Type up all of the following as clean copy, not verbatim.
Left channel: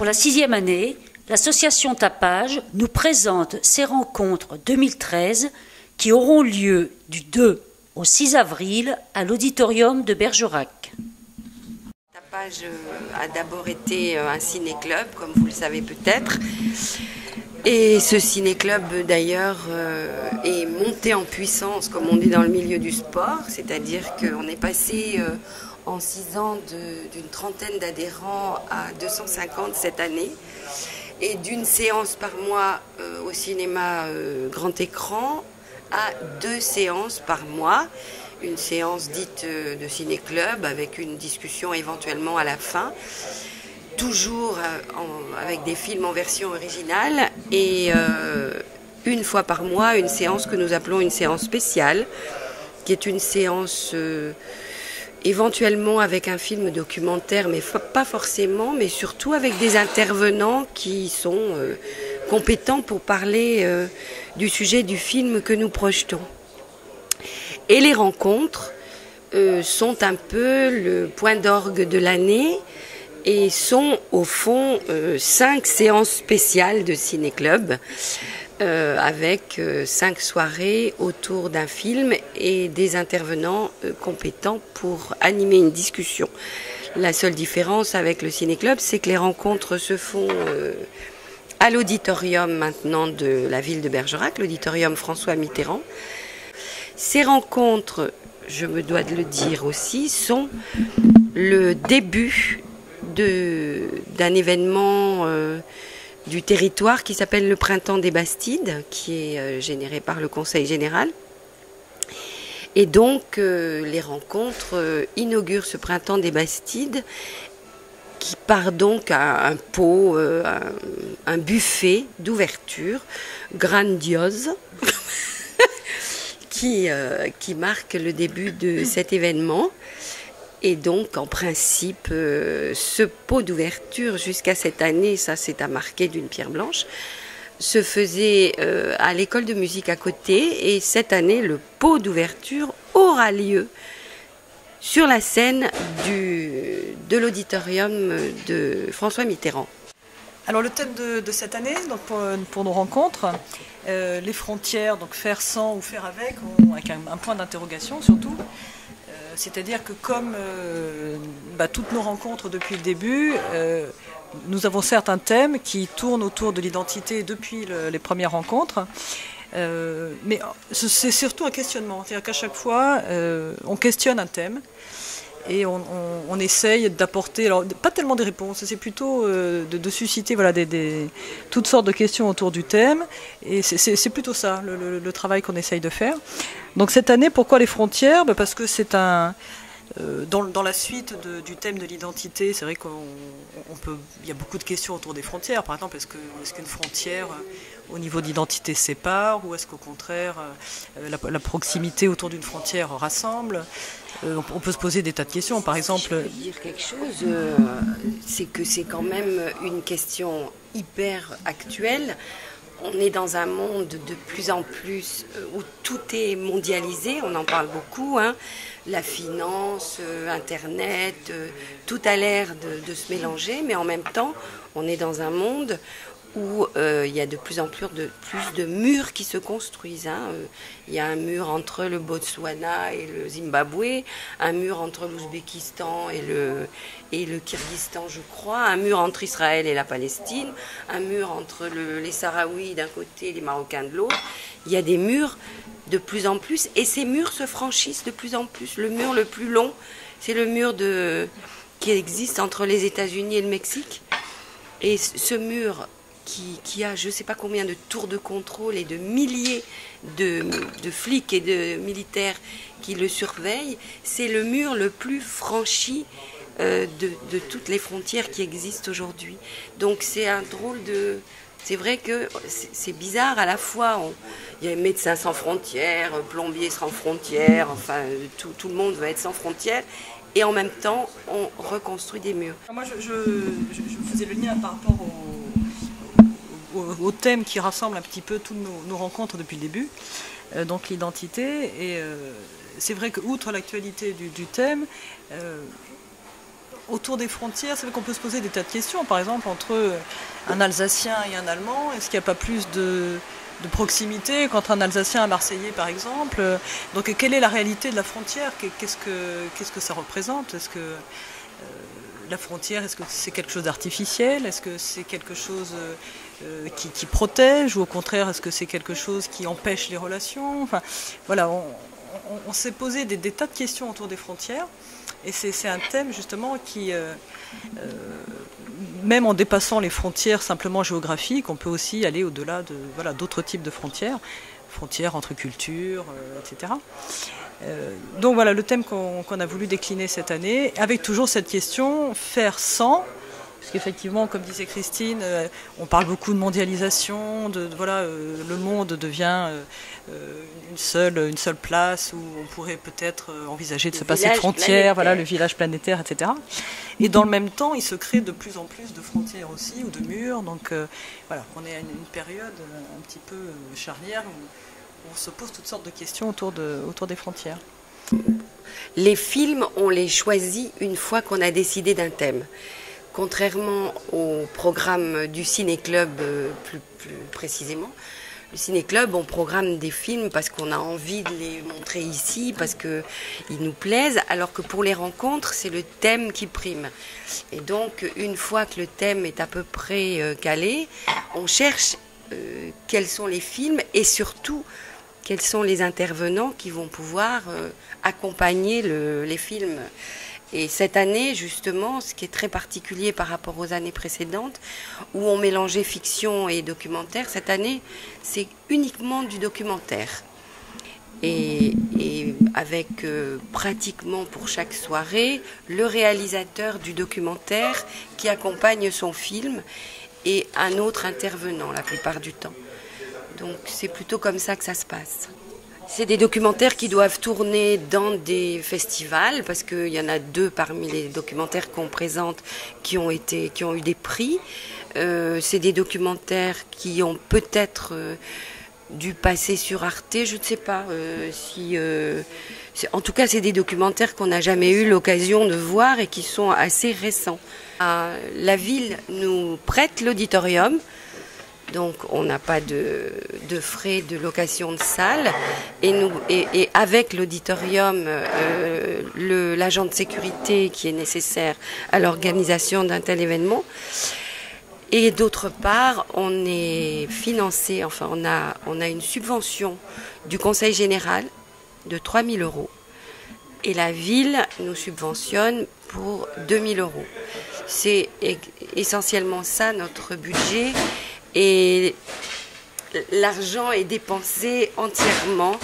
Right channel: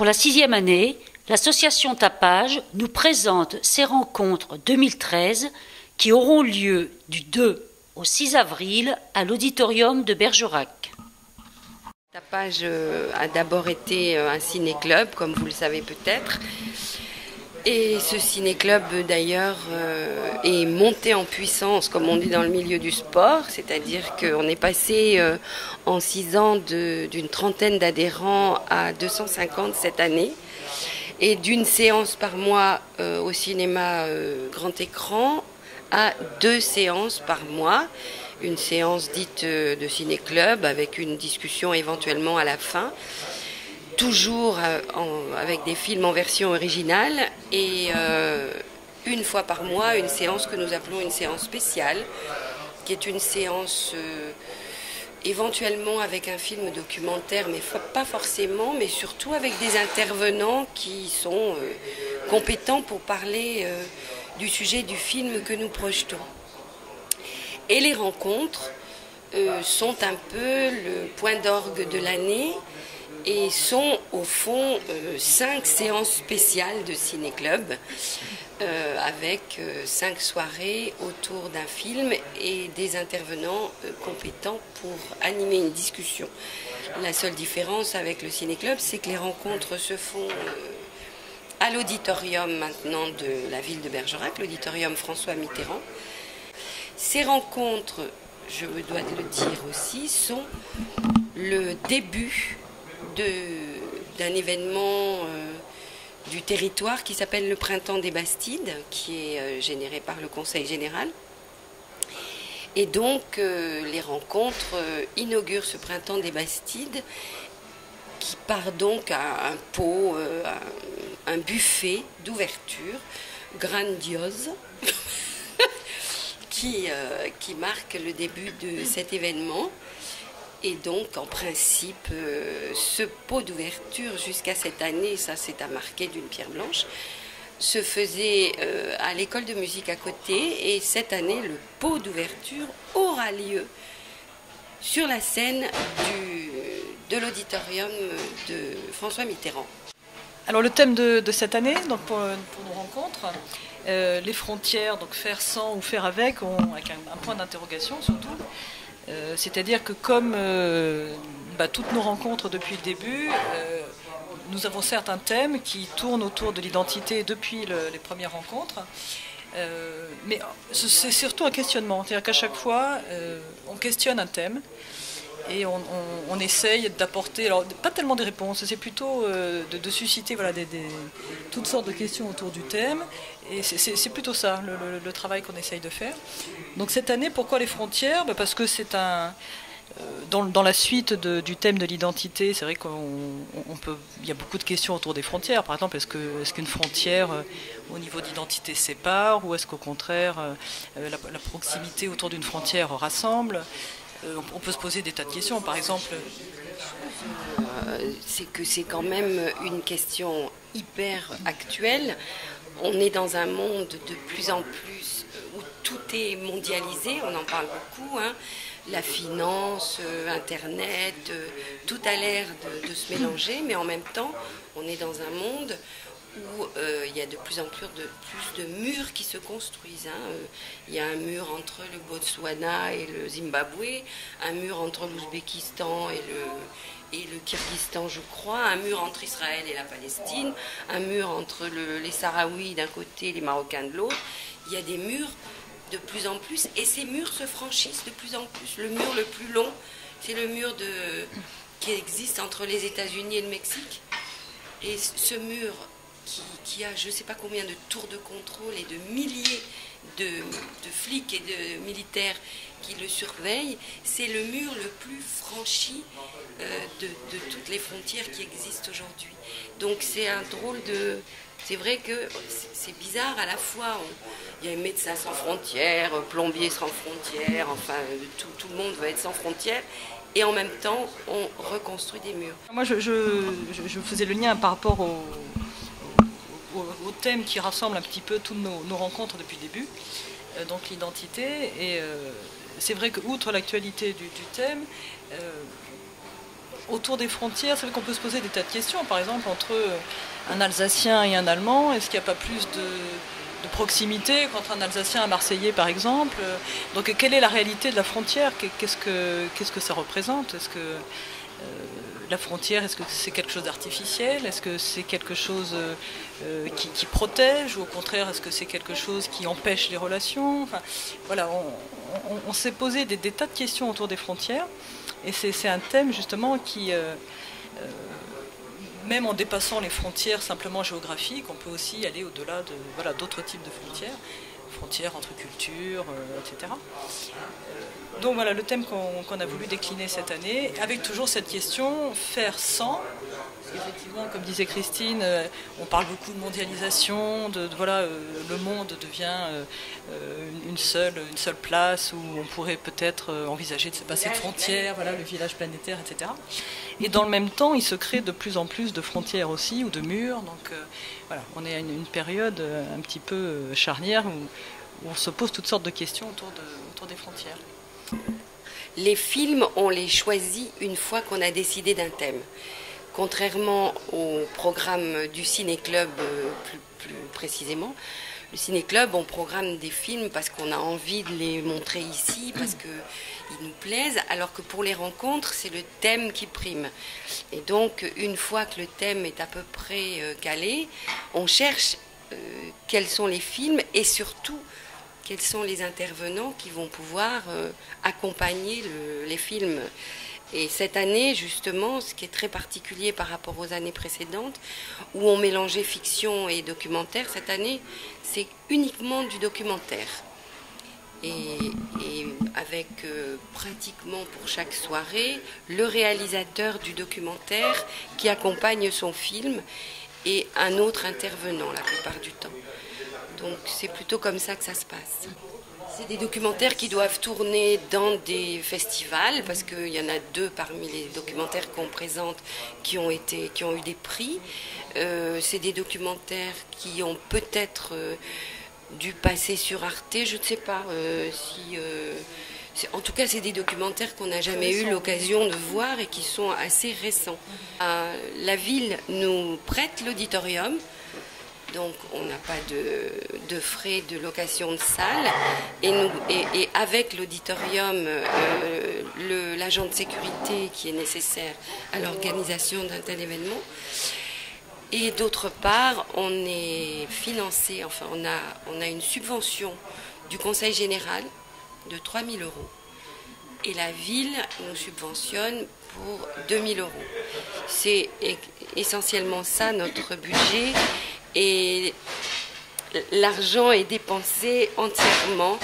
Pour la 6e année, l'association Tapage nous présente ses rencontres 2013 qui auront lieu du 2 au 6 avril à l'auditorium de Bergerac. Tapage a d'abord été un ciné-club, comme vous le savez peut-être. Et ce ciné-club d'ailleurs est monté en puissance, comme on dit dans le milieu du sport, c'est-à-dire qu'on est passé en 6 ans d'une trentaine d'adhérents à 250 cette année, et d'une séance par mois au cinéma grand écran à 2 séances par mois, une séance dite de ciné-club avec une discussion éventuellement à la fin, toujours avec des films en version originale, et une fois par mois une séance que nous appelons une séance spéciale, qui est une séance éventuellement avec un film documentaire, mais pas forcément, mais surtout avec des intervenants qui sont compétents pour parler du sujet du film que nous projetons. Et les rencontres sont un peu le point d'orgue de l'année et sont au fond 5 séances spéciales de ciné-club avec 5 soirées autour d'un film et des intervenants compétents pour animer une discussion. La seule différence avec le ciné-club, c'est que les rencontres se font à l'auditorium maintenant de la ville de Bergerac, l'auditorium François Mitterrand. Ces rencontres, je me dois de le dire aussi, sont le début d'un événement du territoire qui s'appelle le Printemps des Bastides, qui est généré par le Conseil général. Et donc, les rencontres inaugurent ce Printemps des Bastides, qui part donc à un pot, un buffet d'ouverture grandiose, qui marque le début de cet événement. Et donc, en principe, ce pot d'ouverture, jusqu'à cette année, ça c'est à marquer d'une pierre blanche, se faisait à l'école de musique à côté. Et cette année, le pot d'ouverture aura lieu sur la scène de l'auditorium de François Mitterrand. Alors, le thème de cette année, donc pour nos rencontres, les frontières, donc faire sans ou faire avec un point d'interrogation surtout. C'est-à-dire que comme toutes nos rencontres depuis le début, nous avons certes un thème qui tourne autour de l'identité depuis les premières rencontres, mais c'est surtout un questionnement. C'est-à-dire qu'à chaque fois, on questionne un thème et on essaye d'apporter, alors pas tellement des réponses, c'est plutôt de susciter toutes sortes de questions autour du thème, et c'est plutôt ça le travail qu'on essaye de faire. Donc cette année, pourquoi les frontières ? Parce que c'est dans la suite du thème de l'identité, c'est vrai il y a beaucoup de questions autour des frontières. Par exemple, est-ce qu'une frontière au niveau d'identité sépare, ou est-ce qu'au contraire la proximité autour d'une frontière rassemble ? On peut se poser des tas de questions, par exemple. Je veux dire quelque chose, c'est que c'est quand même une question hyper actuelle. On est dans un monde de plus en plus où tout est mondialisé, on en parle beaucoup, hein. La finance, Internet, tout a l'air de se mélanger, mais en même temps, on est dans un monde où il y a de plus en plus de murs qui se construisent. Il y a un mur entre le Botswana et le Zimbabwe, un mur entre l'Ouzbékistan et le Kyrgyzstan, je crois, un mur entre Israël et la Palestine, un mur entre les Sahraouis d'un côté et les Marocains de l'autre. Il y a des murs de plus en plus, et ces murs se franchissent de plus en plus. Le mur le plus long, c'est le mur qui existe entre les États-Unis et le Mexique. Et ce mur qui a je ne sais pas combien de tours de contrôle et de milliers de flics et de militaires qui le surveillent, c'est le mur le plus franchi de toutes les frontières qui existent aujourd'hui. Donc c'est un drôle de... C'est vrai que c'est bizarre, à la fois il y a Médecins sans frontières, Plombiers sans frontières, enfin tout le monde veut être sans frontières, et en même temps on reconstruit des murs. Moi je faisais le lien par rapport au thème qui rassemble un petit peu toutes nos rencontres depuis le début, donc l'identité, et c'est vrai que outre l'actualité du thème, autour des frontières, c'est vrai qu'on peut se poser des tas de questions. Par exemple, entre un Alsacien et un Allemand, est-ce qu'il n'y a pas plus de proximité qu'entre un Alsacien et un Marseillais, par exemple? Donc, quelle est la réalité de la frontière? Qu'est-ce que ça représente? Est-ce que la frontière, est-ce que c'est quelque chose d'artificiel? Est-ce que c'est quelque chose qui protège? Ou au contraire, est-ce que c'est quelque chose qui empêche les relations? Enfin, voilà, on s'est posé des tas de questions autour des frontières. Et c'est un thème, justement, qui... même en dépassant les frontières simplement géographiques, on peut aussi aller au-delà d'autres types de frontières entre cultures, etc. Donc voilà le thème qu'on a voulu décliner cette année, avec toujours cette question, faire sans, parce qu'effectivement, comme disait Christine, on parle beaucoup de mondialisation, le monde devient une seule place où on pourrait peut-être envisager de se passer de frontières, le village planétaire, etc. Et dans le même temps, il se crée de plus en plus de frontières aussi, ou de murs. Donc on est à une période un petit peu charnière où on se pose toutes sortes de questions autour des frontières. Les films, on les choisit une fois qu'on a décidé d'un thème. Contrairement au programme du Ciné-Club, plus précisément, le Ciné-Club, on programme des films parce qu'on a envie de les montrer ici, parce qu'ils nous plaisent, alors que pour les rencontres, c'est le thème qui prime. Et donc, une fois que le thème est à peu près calé, on cherche quels sont les films et surtout quels sont les intervenants qui vont pouvoir accompagner les films. Et cette année, justement, ce qui est très particulier par rapport aux années précédentes, où on mélangeait fiction et documentaire, cette année, c'est uniquement du documentaire. Et avec pratiquement pour chaque soirée, le réalisateur du documentaire qui accompagne son film et un autre intervenant la plupart du temps. Donc c'est plutôt comme ça que ça se passe. C'est des documentaires qui doivent tourner dans des festivals, parce qu'il y en a 2 parmi les documentaires qu'on présente qui ont eu des prix. C'est des documentaires qui ont peut-être dû passer sur Arte, je ne sais pas si... en tout cas, c'est des documentaires qu'on n'a jamais eu l'occasion de voir et qui sont assez récents. La ville nous prête l'auditorium. Donc on n'a pas de frais de location de salle et avec l'auditorium, l'agent de sécurité qui est nécessaire à l'organisation d'un tel événement. Et d'autre part, on est financé, on a une subvention du Conseil général de 3 000 € et la ville nous subventionne pour 2 000 €. C'est essentiellement ça notre budget. Et l'argent est dépensé entièrement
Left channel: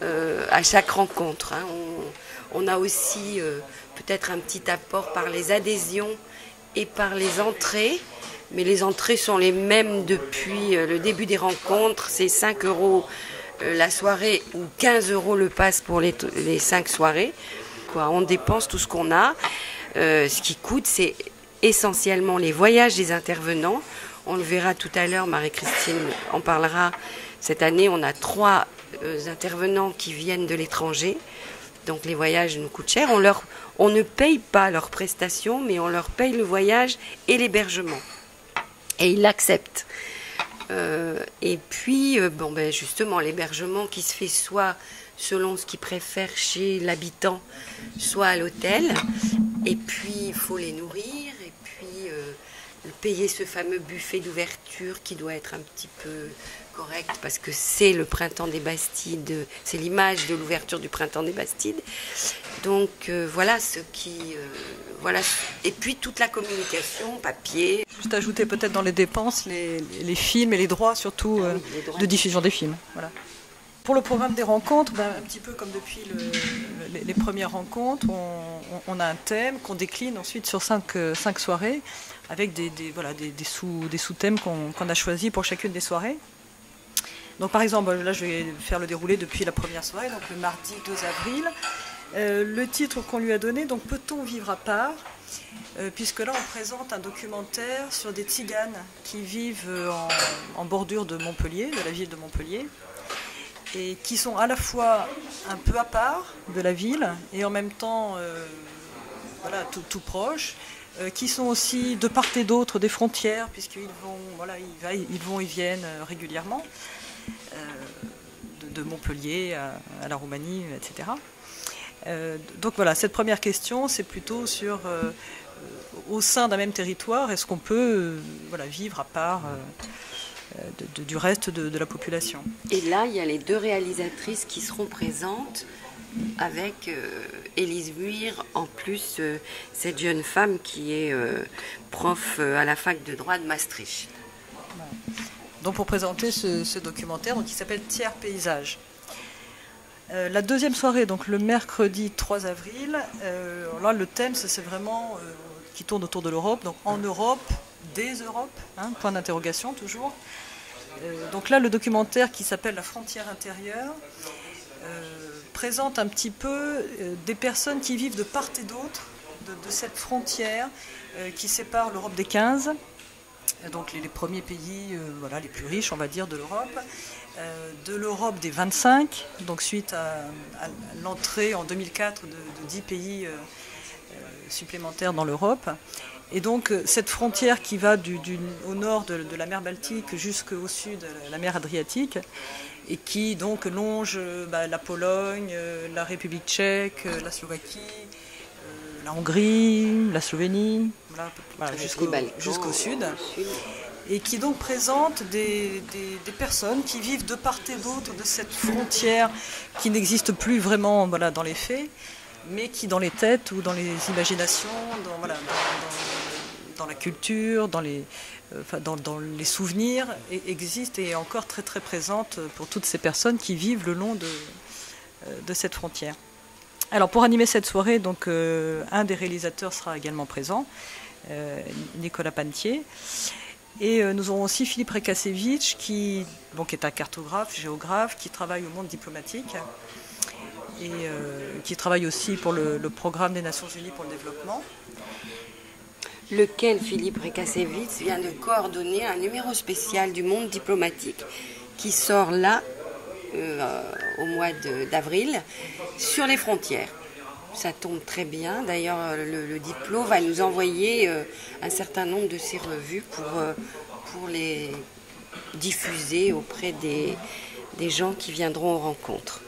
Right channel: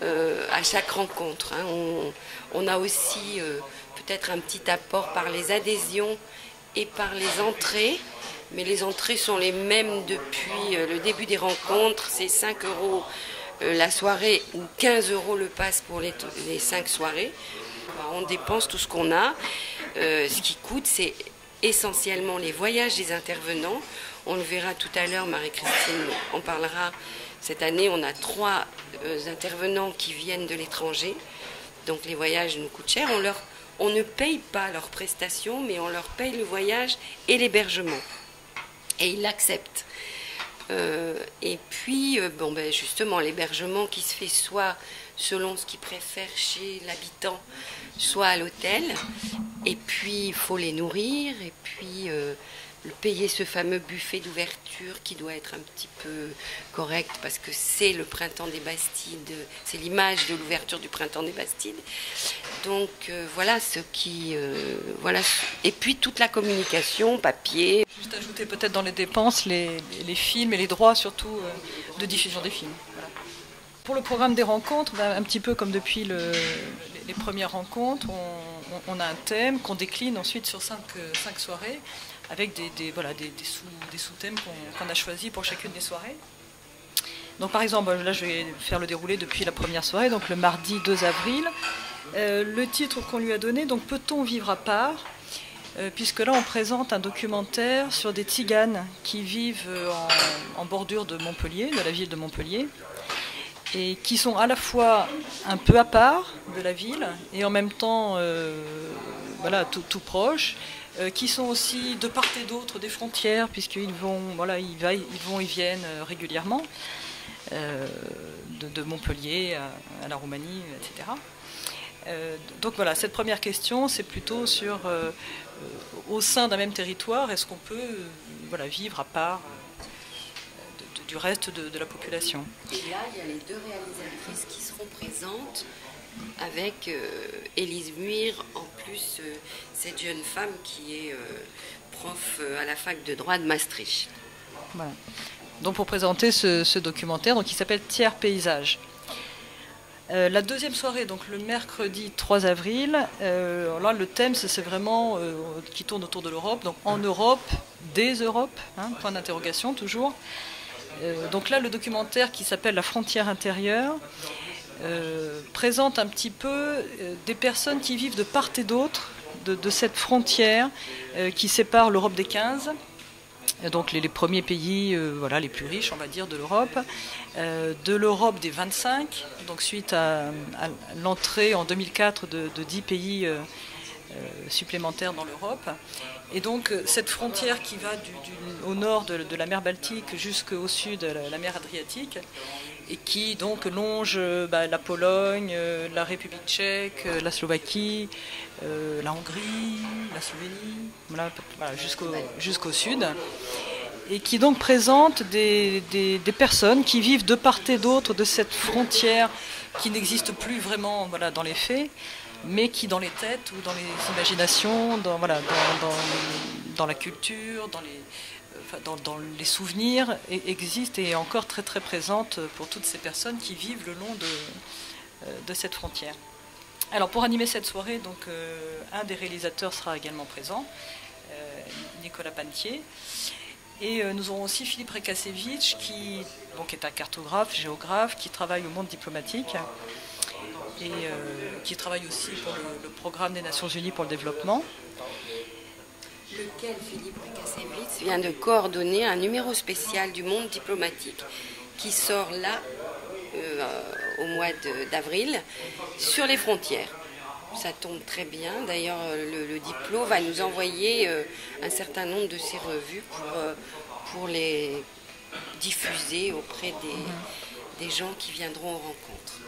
à chaque rencontre. On a aussi peut-être un petit apport par les adhésions et par les entrées, mais les entrées sont les mêmes depuis le début des rencontres. C'est 5 € la soirée ou 15 € le pass pour les 5 soirées. On dépense tout ce qu'on a. Ce qui coûte, c'est essentiellement les voyages des intervenants. On le verra tout à l'heure, Marie-Christine en parlera. Cette année, on a 3 intervenants qui viennent de l'étranger. Donc les voyages nous coûtent cher. On ne paye pas leurs prestations, mais on leur paye le voyage et l'hébergement. Et ils l'acceptent. Et puis, justement, l'hébergement qui se fait soit selon ce qu'ils préfèrent chez l'habitant, soit à l'hôtel. Et puis, il faut les nourrir. Et puis... payer ce fameux buffet d'ouverture qui doit être un petit peu correct parce que c'est le printemps des Bastides, c'est l'image de l'ouverture du printemps des Bastides. Donc voilà ce qui... Et puis toute la communication, papier. Juste ajouter peut-être dans les dépenses les films et les droits surtout de diffusion des films. Voilà. Pour le programme des rencontres, un petit peu comme depuis les premières rencontres, on a un thème qu'on décline ensuite sur 5 soirées avec des sous-thèmes qu'on a choisis pour chacune des soirées. Donc par exemple, là je vais faire le déroulé depuis la première soirée, donc le mardi 2 avril. Le titre qu'on lui a donné, donc Peut-on vivre à part ? Puisque là on présente un documentaire sur des tziganes qui vivent en bordure de Montpellier, de la ville de Montpellier, et qui sont à la fois un peu à part de la ville et en même temps voilà, tout proches, qui sont aussi de part et d'autre des frontières, puisqu'ils vont, voilà, ils vont et viennent régulièrement, de Montpellier à la Roumanie, etc. Donc voilà, cette première question, c'est plutôt sur, au sein d'un même territoire, est-ce qu'on peut voilà, vivre à part du reste de la population. Et là, il y a les deux réalisatrices qui seront présentes avec Élise Muir, en plus cette jeune femme qui est prof à la fac de droit de Maastricht. Voilà. Donc pour présenter ce documentaire, donc, qui s'appelle Tiers Paysage. La deuxième soirée, donc le mercredi 3 avril, là le thème c'est vraiment qui tourne autour de l'Europe, donc en Europe, des Europes, hein, point d'interrogation toujours. Donc là le documentaire qui s'appelle La frontière intérieure présente un petit peu des personnes qui vivent de part et d'autre de cette frontière qui sépare l'Europe des 15. Donc les premiers pays voilà, les plus riches, on va dire, de l'Europe des 25, donc suite à l'entrée en 2004 de 10 pays supplémentaires dans l'Europe. Et donc cette frontière qui va au nord de la mer Baltique jusqu'au sud de la mer Adriatique, et qui donc longe la Pologne, la République tchèque, la Slovaquie, la Hongrie, la Slovénie, voilà, jusqu'au sud, et qui donc présente des personnes qui vivent de part et d'autre de cette frontière qui n'existe plus vraiment, voilà, dans les faits, mais qui dans les têtes ou dans les imaginations, dans la culture, dans les souvenirs, existe et est encore très très présente pour toutes ces personnes qui vivent le long de cette frontière. Alors pour animer cette soirée, donc un des réalisateurs sera également présent, Nicolas Panetier, et nous aurons aussi Philippe Rekasevich qui est un cartographe, géographe, qui travaille au monde diplomatique et qui travaille aussi pour le programme des Nations Unies pour le développement. Lequel Philippe Rekasevich vient de coordonner un numéro spécial du monde diplomatique qui sort là au mois d'avril sur les frontières. Ça tombe très bien. D'ailleurs, le Diplo va nous envoyer un certain nombre de ces revues pour les diffuser auprès des gens qui viendront aux rencontres.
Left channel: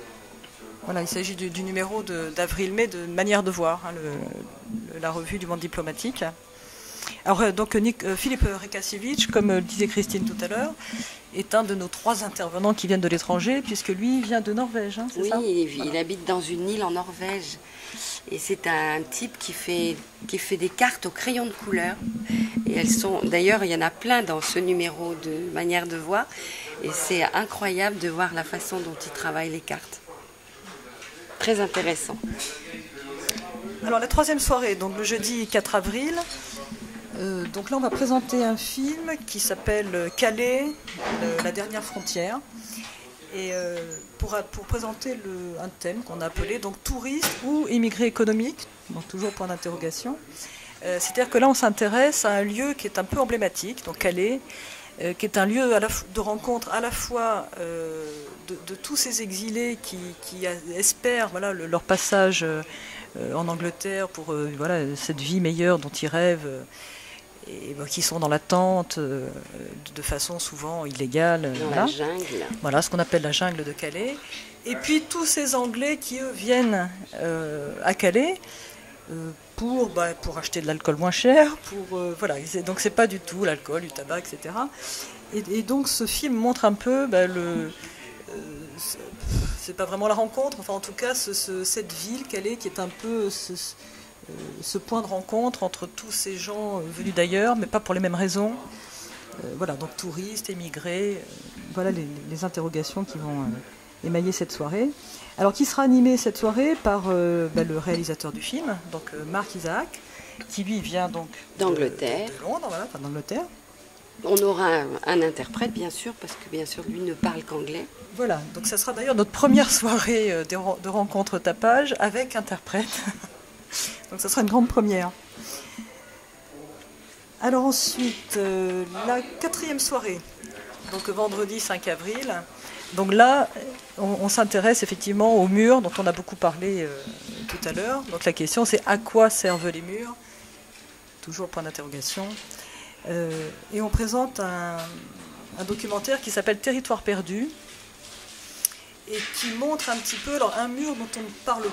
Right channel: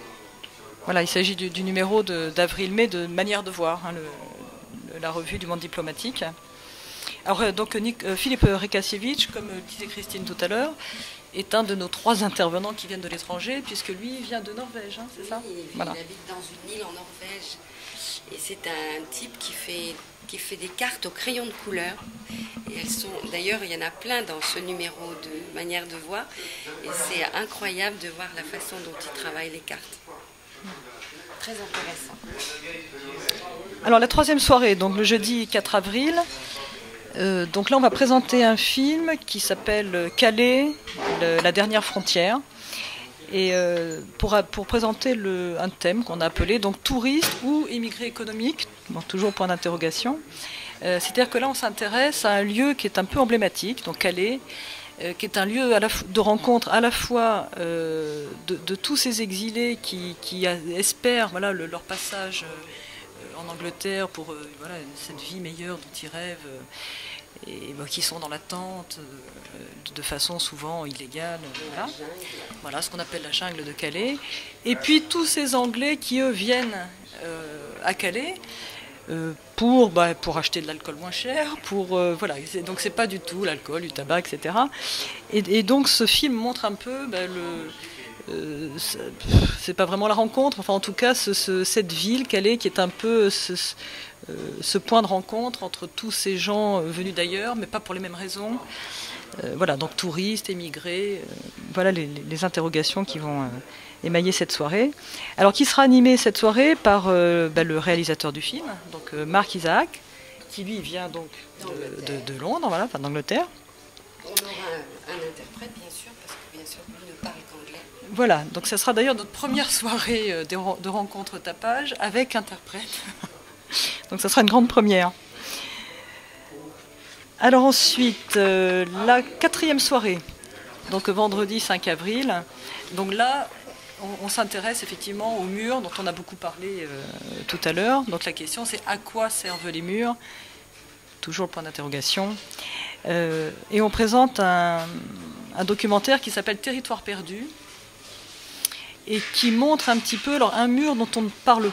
Voilà, il s'agit du numéro d'avril-mai de Manière de voir, hein, la revue du monde diplomatique. Alors donc Philippe Rekasevich, comme disait Christine tout à l'heure, est un de nos 3 intervenants qui viennent de l'étranger, puisque lui vient de Norvège, hein, c'est ça ? Oui, voilà. Il habite dans une île en Norvège. Et c'est un type qui fait des cartes au crayon de couleur. Et elles sont, d'ailleurs, il y en a plein dans ce numéro de Manière de voir. Et c'est incroyable de voir la façon dont il travaille les cartes. Très intéressant. Alors la 3e soirée, donc le jeudi 4 avril. Donc là, on va présenter un film qui s'appelle Calais, la dernière frontière. Et pour présenter un thème qu'on a appelé donc touriste ou immigré économique, donc toujours point d'interrogation. C'est-à-dire que là, on s'intéresse à un lieu qui est un peu emblématique, donc Calais, qui est un lieu de rencontre à la fois de tous ces exilés qui espèrent voilà, leur passage en Angleterre pour voilà, cette vie meilleure dont ils rêvent. Et qui sont dans l'attente de façon souvent illégale. Voilà ce qu'on appelle la jungle de Calais. Et puis tous ces Anglais qui, eux, viennent à Calais pour acheter de l'alcool moins cher. Voilà. Donc c'est pas du tout l'alcool, du tabac, etc. Et donc ce film montre un peu c'est pas vraiment la rencontre, enfin en tout cas cette ville Calais qui est un peu ce point de rencontre entre tous ces gens venus d'ailleurs, mais pas pour les mêmes raisons. Voilà, donc touristes, émigrés, voilà les interrogations qui vont émailler cette soirée. Alors, qui sera animé cette soirée par le réalisateur du film, donc Mark Isaac, qui lui vient donc de Londres, voilà, enfin d'Angleterre. On aura un interprète, bien sûr, parce que bien sûr, lui ne parle qu'anglais. Voilà, donc ça sera d'ailleurs notre première soirée de rencontre tapage avec interprète. Donc ça sera une grande première. Alors ensuite, la 4e soirée, donc vendredi 5 avril. Donc là, on s'intéresse effectivement aux murs dont on a beaucoup parlé tout à l'heure. Donc la question c'est à quoi servent les murs? Toujours le point d'interrogation. Et on présente un documentaire qui s'appelle Territoire perdu et qui montre un petit peu un mur dont on ne parle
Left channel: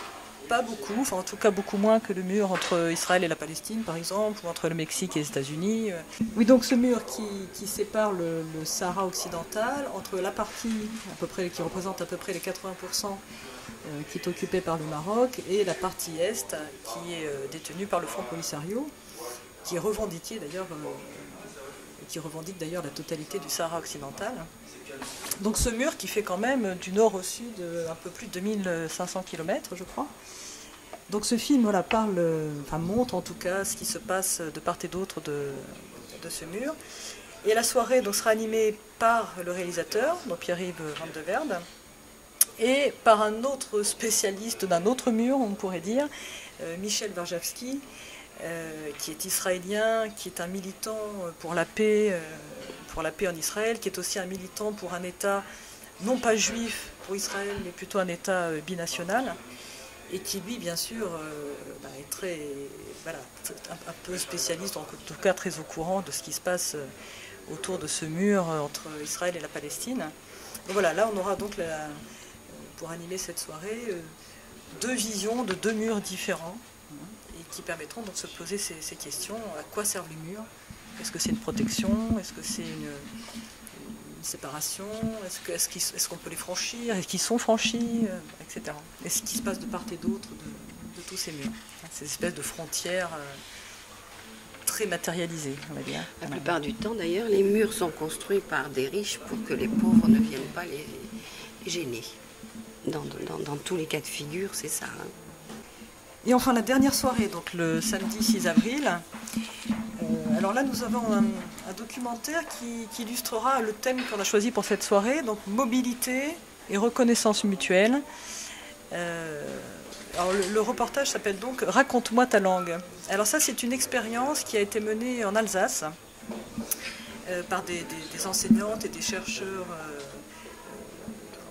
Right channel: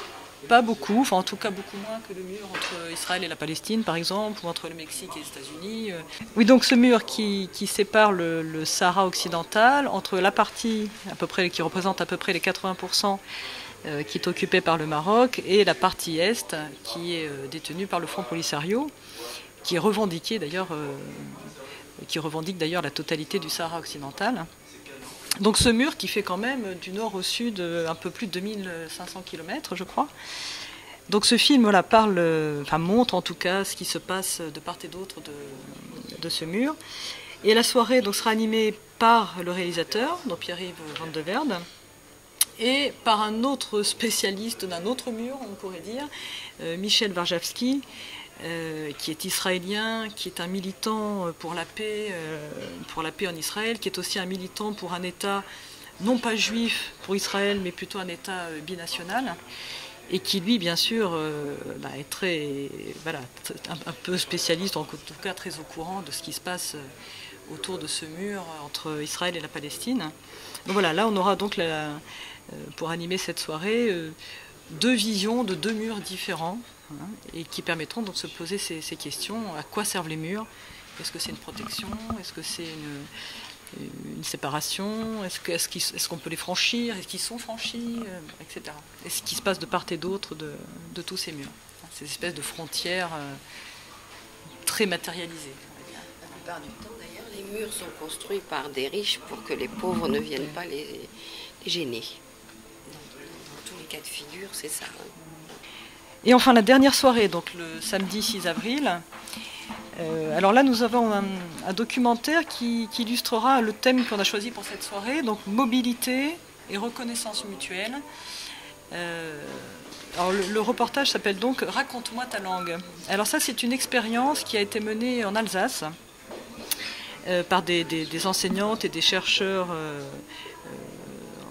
pas beaucoup, enfin en tout cas beaucoup moins que le mur entre Israël et la Palestine par exemple, ou entre le Mexique et les États-Unis. Oui, donc ce mur qui sépare le Sahara occidental entre la partie à peu près qui représente à peu près les 80% qui est occupée par le Maroc et la partie est qui est détenue par le Front Polisario, qui est revendiqué d'ailleurs, qui revendique d'ailleurs la totalité du Sahara occidental. Donc ce mur qui fait quand même du nord au sud un peu plus de 2500 km, je crois. Donc ce film montre en tout cas ce qui se passe de part et d'autre de ce mur. Et la soirée donc, sera animée par le réalisateur, donc Pierre-Yves Van de Verde, et par un autre spécialiste d'un autre mur, on pourrait dire, Michel Warjavski, qui est israélien, qui est un militant pour la paix en Israël, qui est aussi un militant pour un État non pas juif pour Israël, mais plutôt un État binational, et qui lui, bien sûr, est un peu spécialiste, en tout cas très au courant de ce qui se passe autour de ce mur entre Israël et la Palestine. Donc voilà, là on aura donc pour animer cette soirée deux visions de deux murs différents, et qui permettront donc de se poser ces questions. À quoi servent les murs? Est-ce que c'est une protection? Est-ce que c'est une séparation? Est-ce qu'on peut les franchir? Est-ce qu'ils sont franchis? Etc. Et ce qui se passe de part et d'autre de tous ces murs. Ces espèces de frontières très matérialisées, on va dire. La plupart du temps, d'ailleurs, les murs sont construits par des riches pour que les pauvres ne viennent pas les gêner. Dans tous les cas de figure, c'est ça. Hein. Et enfin, la dernière soirée, donc le samedi 6 avril. Alors là, nous avons un documentaire qui illustrera le thème qu'on a choisi pour cette soirée, donc mobilité et reconnaissance mutuelle. Alors le reportage s'appelle donc « Raconte-moi ta langue ». Alors ça, c'est une expérience qui a été menée en Alsace par des enseignantes et des chercheurs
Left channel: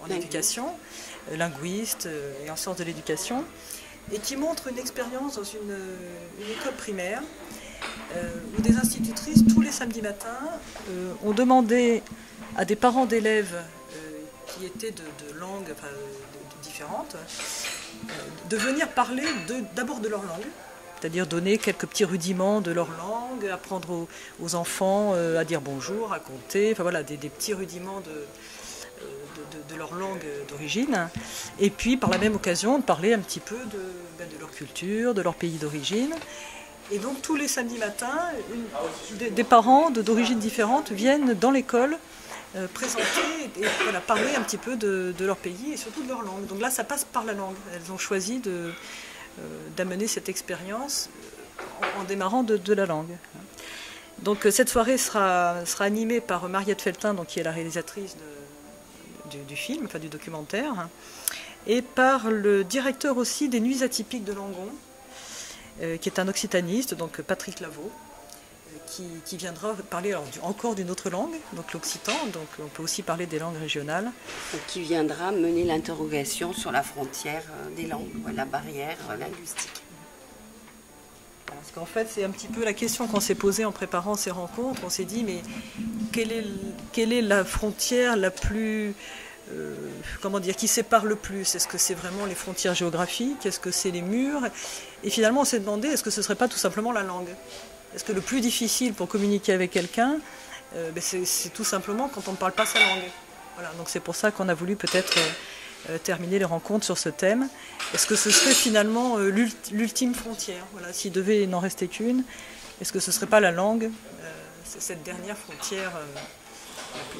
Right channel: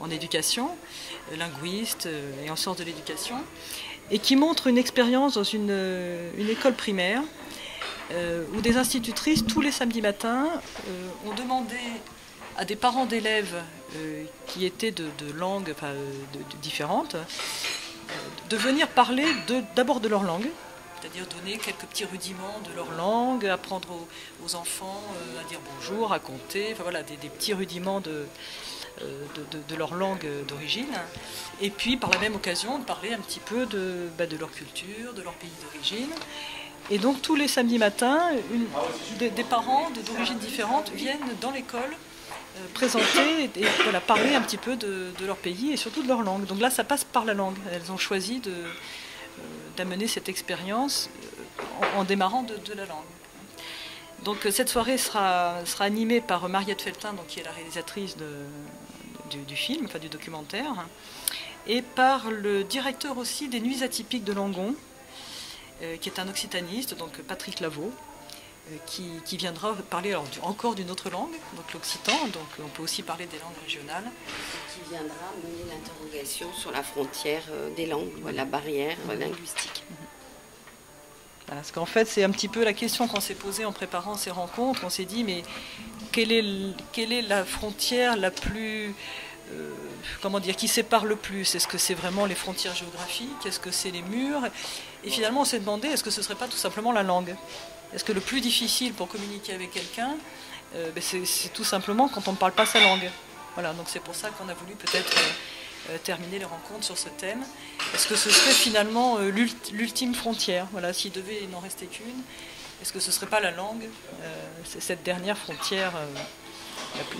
en éducation, linguistes et en sciences de l'éducation, et qui montre une expérience dans une école primaire où des institutrices, tous les samedis matins, ont demandé à des parents d'élèves qui étaient de langues différentes de venir parler d'abord de leur langue, c'est-à-dire donner quelques petits rudiments de leur langue, apprendre aux enfants à dire bonjour, à compter, enfin voilà, des petits rudiments de leur langue d'origine, et puis par la même occasion de parler un petit peu de leur culture, de leur pays d'origine. Et donc tous les samedis matins, des parents d'origines différentes viennent dans l'école présenter et voilà, parler un petit peu de leur pays et surtout de leur langue. Donc là, ça passe par la langue. Elles ont choisi d'amener cette expérience en démarrant de la langue. Donc cette soirée sera animée par Mariette Feltin, donc, qui est la réalisatrice du film, enfin du documentaire, et par le directeur aussi des Nuits atypiques de Langon, qui est un occitaniste, donc Patrick Lavaux, qui viendra parler encore d'une autre langue, donc l'occitan, donc on peut aussi parler des langues régionales. Et qui viendra mener l'interrogation sur la frontière des langues, la barrière linguistique. Parce qu'en fait, c'est un petit peu la question qu'on s'est posée en préparant ces rencontres. On s'est dit, mais quelle est la frontière la plus... qui sépare le plus? Est-ce que c'est vraiment les frontières géographiques? Est-ce que c'est les murs? Et finalement, on s'est demandé, est-ce que ce ne serait pas tout simplement la langue? Est-ce que le plus difficile pour communiquer avec quelqu'un, c'est tout simplement quand on ne parle pas sa langue? Voilà, donc c'est pour ça qu'on a voulu peut-être terminer les rencontres sur ce thème. Est-ce que ce serait finalement l'ultime frontière? Voilà, s'il devait n'en rester qu'une, est-ce que ce ne serait pas la langue? C'est cette dernière frontière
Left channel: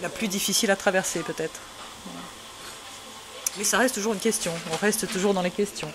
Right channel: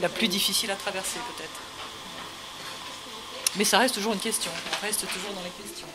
la plus difficile à traverser peut-être. Mais ça reste toujours une question, on reste toujours dans les questions.